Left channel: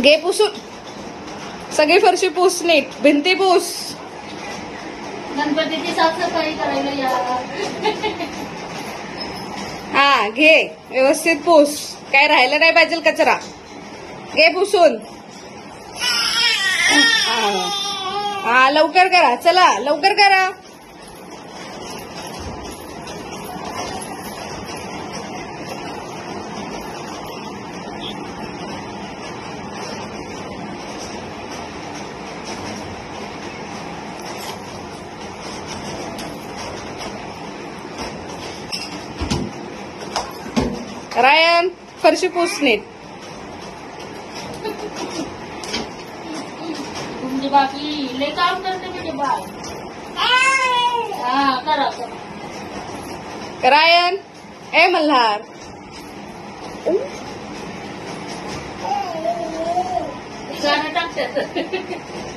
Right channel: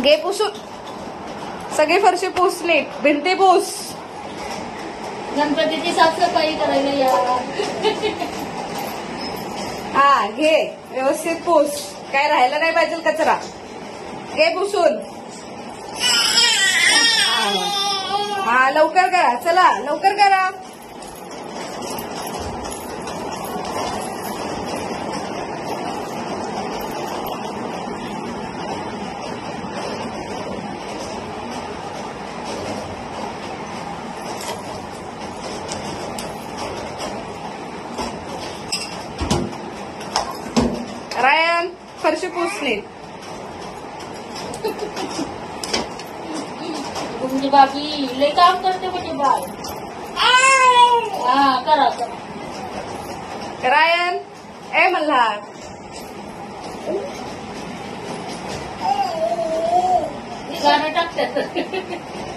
घे पुसून सगळी फरशी पुस नीट भिंती पुस. गणपतीची साफसफाई करायला या. हा घे व्यवस्थित पुस. काय राहायला नाही पाहिजे कचरा. घे पुसून. हा लवकर करा. चला लवकर करा. रायन फरशी पुस नीट. तुमची बाबी लय काम करते म्हणजे बाय. हा करा करा. रायन ए मल्हार गाणं टाकतात.